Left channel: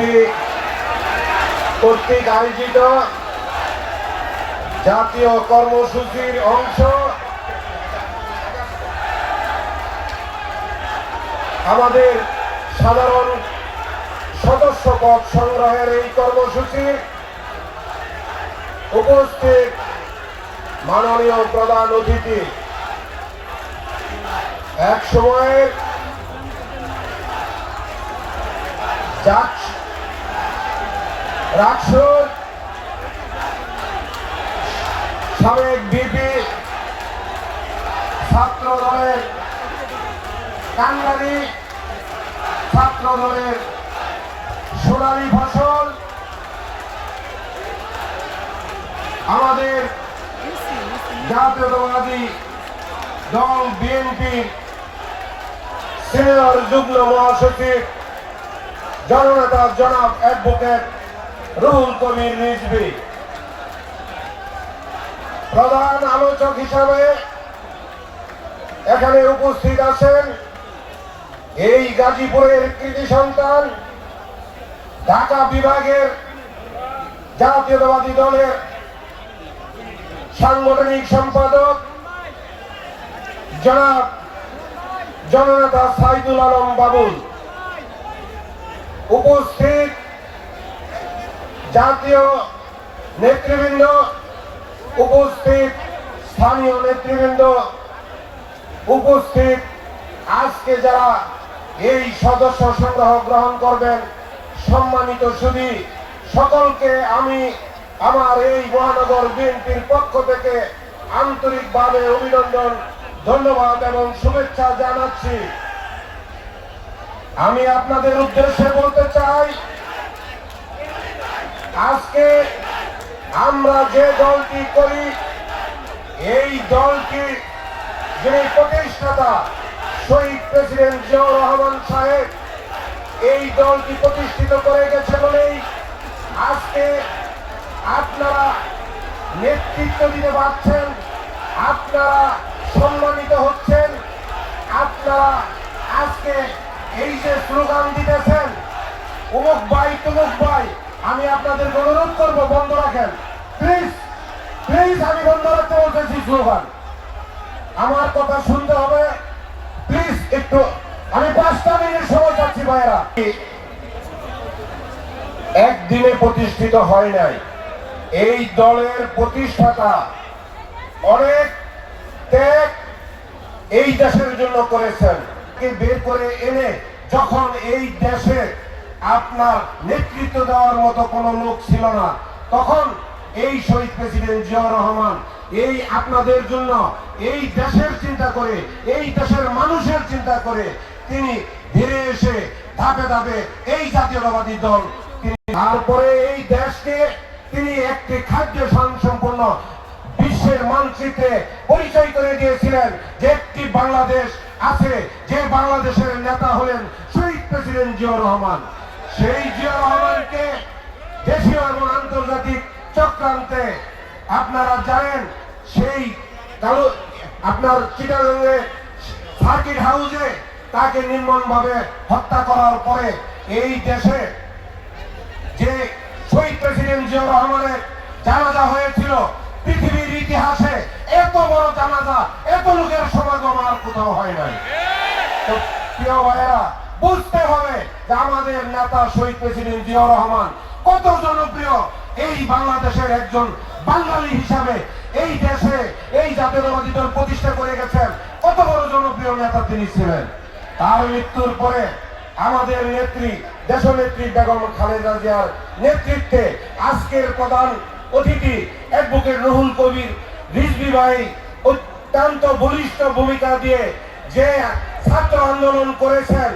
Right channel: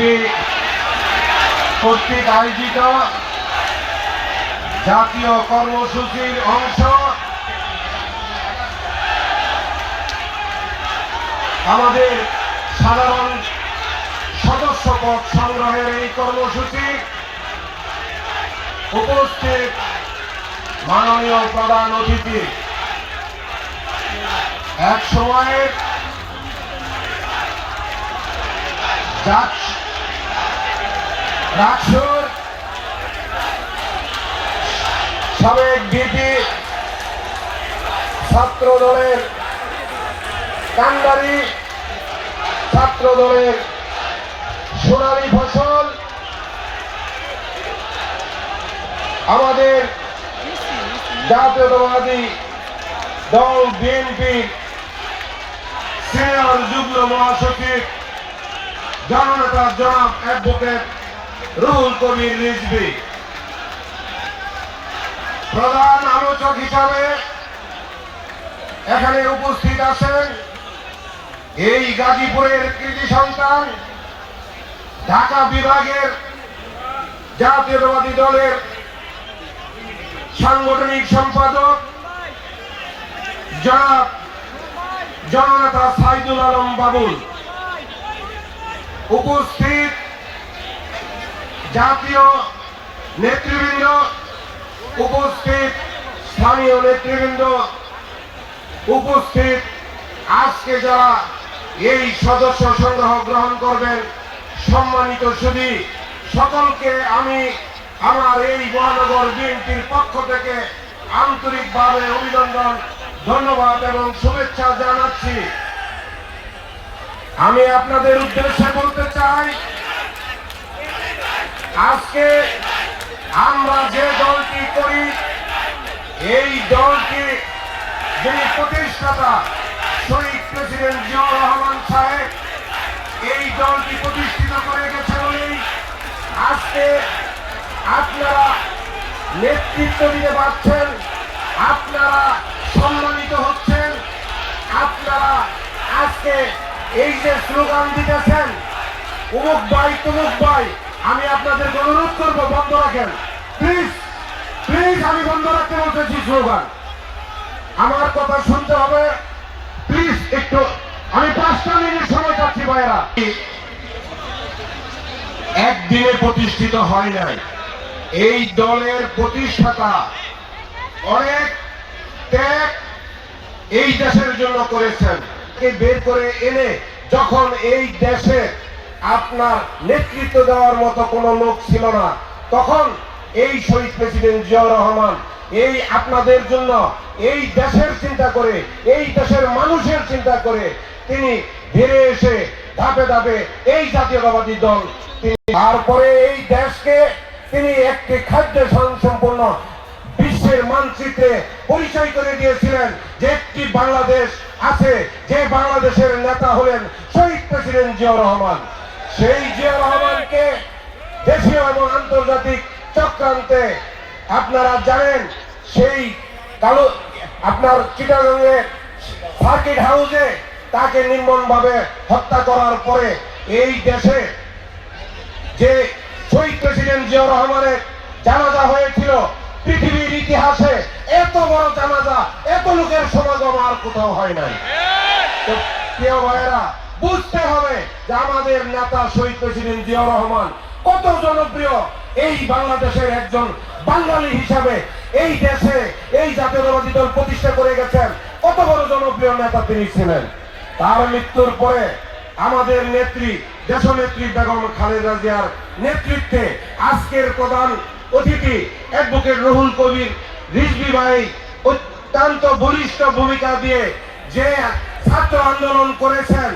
BNP কর্তৃক আয়োজিত জাতীয় কর্মসূচির অংশ। আমাদের সাধারণ সদস্য পদ সংগ্রহের এই কর্মসূচি উপস্থিত মাননীয় প্রধান অতিথি। এক সময়ের রাকসুর সাবেক বিপি ছাত্র দলের কান্ডারি ছাত্র দলের সোনালী ফসল। আমাদের জাতীয়তাবাদী দল বিএনপি সিনিয়র যুগ্ম মহাসচিব জননেতা জনাব অ্যাডভোকেট রুহুল কবির রিজভি প্রধান আলোচক হিসাবে এখানে উপস্থিত আছেন এই গাজীপুরের কৃতি সন্তান, ঢাকা বিভাগের জাতীয়তাবাদী দলের সাংগঠনিক সম্পাদক জনাব জননেতা সাইদুল আলম বাবুল। উপস্থিত জাতীয় নেতৃবৃন্দ উপস্থিত, স্থানীয় নেতৃবৃন্দ উপস্থিত। আজকে যারা এই সদস্য সংগ্রহ গ্রহণ করবেন, সম্মানিত সুদী সকলকে আমি আমার এই মহানগর বিএনপির পক্ষ থেকে আন্তরিকভাবে অভিনন্দন, ধন্যবাদ এবং শুভেচ্ছা জানাচ্ছি। আমি আপনাদের উদ্দেশ্যে বলতে চাই আজকে আমরা যে দলটি করি, এই দলটি যিনি প্রতিষ্ঠাতা, শহীদ প্রেসিডেন্ট জিয়াউর রহমান সাহেব, এই দলটি প্রতিষ্ঠিত করে গেছে বলেই আজকে আপনারা নেতৃত্ব দিতে পারছেন, আপনারা সম্মানিত হচ্ছেন, আপনারা আজকে এই যে স্লোগান দিতেছেন, উমুক ভাই, তুমুক ভাই আমি আপনাদের অনুরোধ করব, বন্ধ রাখেন। প্লিজ প্লিজ আমি বন্ধ রাখতে বলতেছি স্লোগান। আমার কথা শুনতে হবে। প্লিজ একটু, আমি পাঁচটা মিনিট সময় যাচ্ছি ভাইরা। একদিনে প্রতিষ্ঠিত হয় নাই। এই দলের প্রতিষ্ঠাতা অনেক ত্যাগ এই দেশের জন্য করেছেন। বের করে এনে যখন এই দেশে আপনার নেতৃত্ব দেওয়ার মতো কোনো লোক ছিল না। তখন এই শহীদ প্রেসিডেন্ট জিয়াউর রহমান এই আপনাদের জন্য এই দেশের চিন্তা করে, এই দেশের মানুষের চিন্তা করে তিনি ধীরে এসে ধাপে ধাপে এই জাতীয়তাবাদী দল তিনি তারপরে এই দেশকে তিনি একটি খাদ্য সম্পন্ন বিশ্বের মানচিত্রে পরিচয় করে দিয়েছিলেন যে একটি বাংলাদেশ আছে, যে বাংলাদেশের নেতা হলেন শহীদ প্রেসিডেন্ট জিয়াউর রহমান। সেই জিয়াউর রহমানকে দেশীয় এবং আন্তর্জাতিক চক্রান্তে আপনারা জানেন, সেই কালো, আপনার চিটাগঙ্গে সার্কিট হাউসে তাকে নির্মমভাবে হত্যা করার পরে এই দেশে যে শহীদ প্রেসিডেন্ট জিয়াউর রহমানের জানাজা হয়েছিল, পৃথিবীর ইতিহাসে এত বড় জানাজা, এত লোকের সমাগম আর কোথাও হয় নাই। প্রিয় ভাইয়েরা, বুঝতে হবে আমাদের নেতা শহীদ প্রেসিডেন্ট জিয়াউর রহমান কত জনপ্রিয়। এই বাংলাদেশের একজন বাঙালি হিসাবে এই দেশে এই জাতীয়তাবাদী দল প্রতিষ্ঠা করে গেছেন। কত বড় জনপ্রিয় নেতা তিনি ছিলেন। তার মৃত্যুর পরে আমাদের নেত্রী, দেশনেত্রী বেগম খালেদা জিয়ার নেতৃত্বে আজকের প্রধান অতিথি অ্যাডভোকেট রুহুল কবির রিজভি ভাই অত্যন্ত বলিষ্ঠ ভূমিকা দিয়ে যে ছাত্র আন্দোলন করেছেন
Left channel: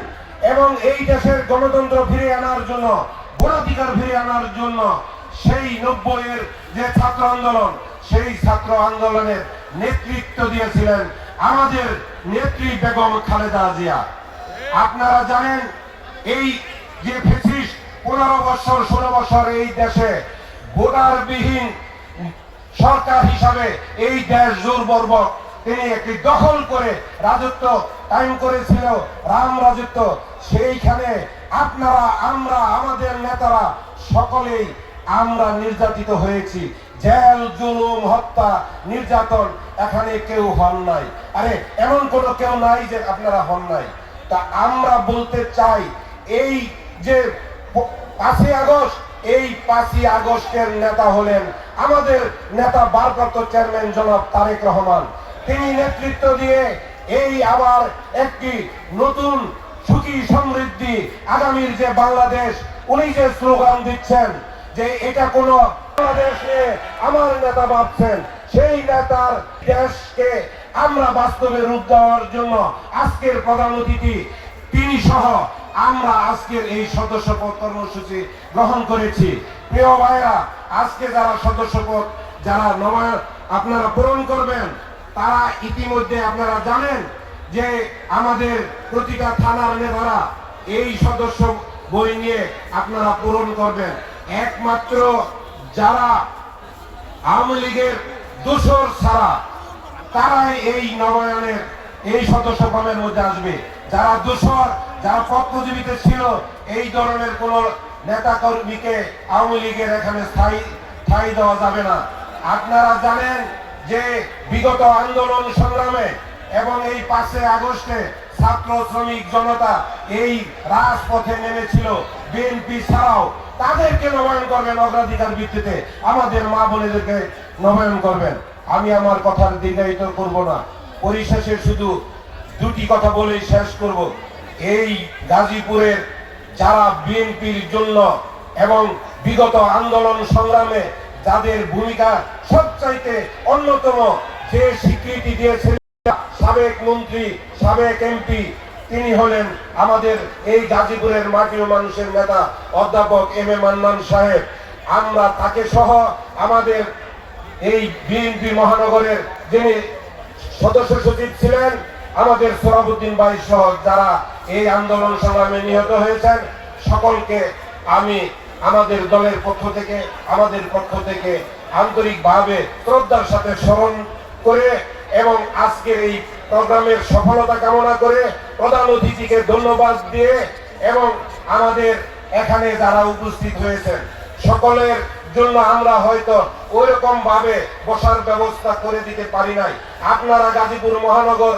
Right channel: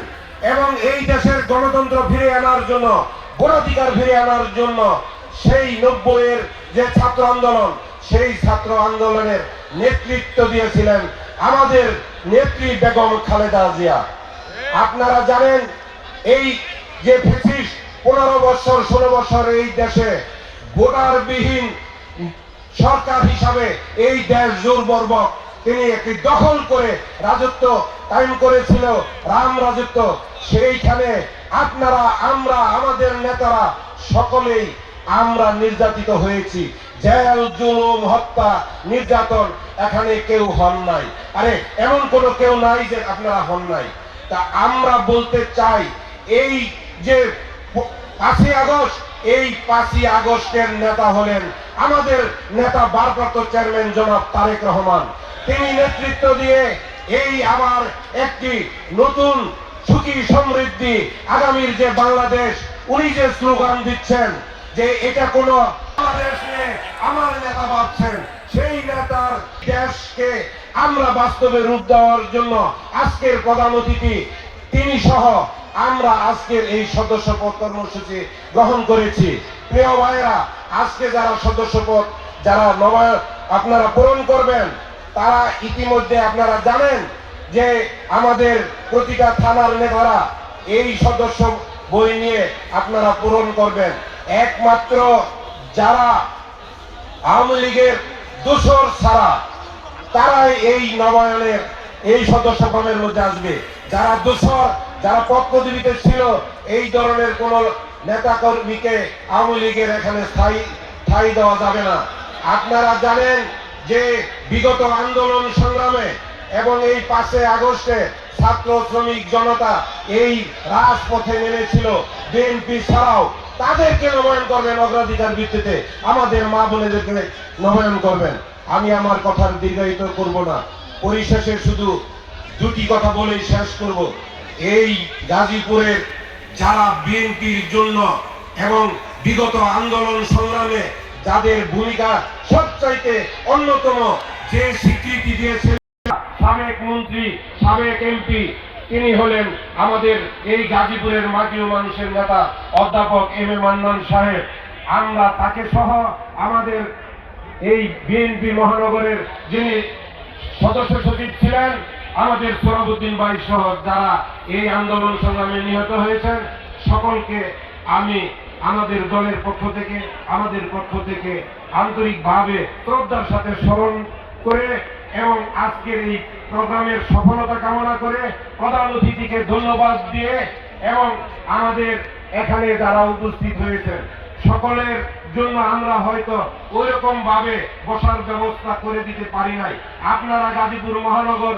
এবং এই দেশের গণতন্ত্র ফিরে আনার জন্য, ভোটাধিকার ফিরে আনার জন্য সেই নব্বইয়ের যে ছাত্র আন্দোলন, সেই ছাত্র আন্দোলনের নেতৃত্ব দিয়েছিলেন আমাদের নেত্রী বেগম খালেদা জিয়া। আপনারা জানেন, এই যে ফেসিস পনেরো বছর, ষোলো বছর এই দেশে ভোটারবিহীন সরকার হিসাবে এই দেশ জোরবর্বক তিনি একটি দখল করে রাজত্ব কায়েম করেছিল। রাম রাজত্ব, সেইখানে আপনারা, আমরা, আমাদের নেতারা সকলেই আমরা নির্যাতিত হয়েছি। জেল, জুলুম, হত্যা, নির্যাতন, এখানে কেউ হন নাই। আরে, এমন কোনো কেউ নাই যে আপনারা হন নাই। তা আমরা বলতে চাই, এই যে পাঁচই আগস্ট, এই পাঁচই আগস্টের নেতা হলেন আমাদের নেতা ভারপ্রাপ্ত চেয়ারম্যান জনাব তারেক রহমান। তিনি নেতৃত্ব দিয়ে এই আবার একটি নতুন সুখী সমৃদ্ধি আগামীর যে বাংলাদেশ, উনি যে স্লোগান দিচ্ছেন যে এটা কোন বাংলাদেশ আমার নেতা ভাবছেন, সেই নেতার দেশকে আমরা বাস্তবে রূপ দেওয়ার জন্য আজকের প্রধান অতিথি তিনি সহ আমরা আজকের এই সদস্যপদ কর্মসূচি গ্রহণ করেছি। প্রিয় ভাইরা আজকে যারা সদস্যপদ, যারা নবায়ন আপনারা পূরণ করবেন তারা ইতিমধ্যে আপনারা জানেন যে আমাদের প্রতিটা থানার নেতারা এই সদস্য বই নিয়ে আপনারা পূরণ করবেন। একমাত্র যারা আওয়ামী লীগের দোসর ছাড়া তারাই এই নবায়নের এই সদস্য ক্রমের মধ্যে আসবে। যারা দোসর যারা পক্ষজীবিতে ছিল, এই ধরনের কোন নেতা কর্মীকে আওয়ামী লীগের এখানে স্থায়ী ঠাই দেওয়া যাবে না। আপনারা জানেন যে বিগত আন্দোলন সংগ্রামে এবং এই পাঁচে আগস্টে ছাত্র শ্রমিক জনতা এই রাজপথে নেমেছিল বিএনপি ছাড়াও তাদেরকে নবায়ন করবেন অগ্রাধিকার ভিত্তিতে। আমাদের মা বোনেদেরকে নবায়ন করবেন। আমি আমার কথার দীর্ঘায়িত করব না। পরিশেষে শুধু দুটি কথা বলেই শেষ করব। এই গাজীপুরের যারা বিএনপির জন্য এবং বিগত আন্দোলন সংগ্রামে যাদের ভূমিকা সবচাইতে অন্যতম যে স্বীকৃতি দিয়েছিল সাবেক মন্ত্রী, সাবেক এমপি, তিনি হলেন আমাদের এই গাজীপুরের মাটি ও মানুষের নেতা অধ্যাপক এম এ মান্নান সাহেব। আমরা তাকে সহ আমাদের এই বিএনপি মহানগরের যিনি সদস্য সচিব ছিলেন, আমাদের সরাবুদ্দিন ভাই সহ যারা এই আন্দোলন সংগ্রামে নিহত হয়েছেন, সকলকে আমি আমাদের দলের পক্ষ থেকে, আমাদের পক্ষ থেকে আন্তরিকভাবে শ্রদ্ধার সাথে স্মরণ করে এবং আজকের এই প্রোগ্রামের সফলতা কামনা করে প্রধান অতিথিকে ধন্যবাদ দিয়ে এবং আমাদের এখানে যারা উপস্থিত হয়েছেন, সকলের জন্য আমরা হয়তো ওই রকম ভাবে বসার ব্যবস্থা করে দিতে পারি নাই। আপনারা গাজীপুর মহানগর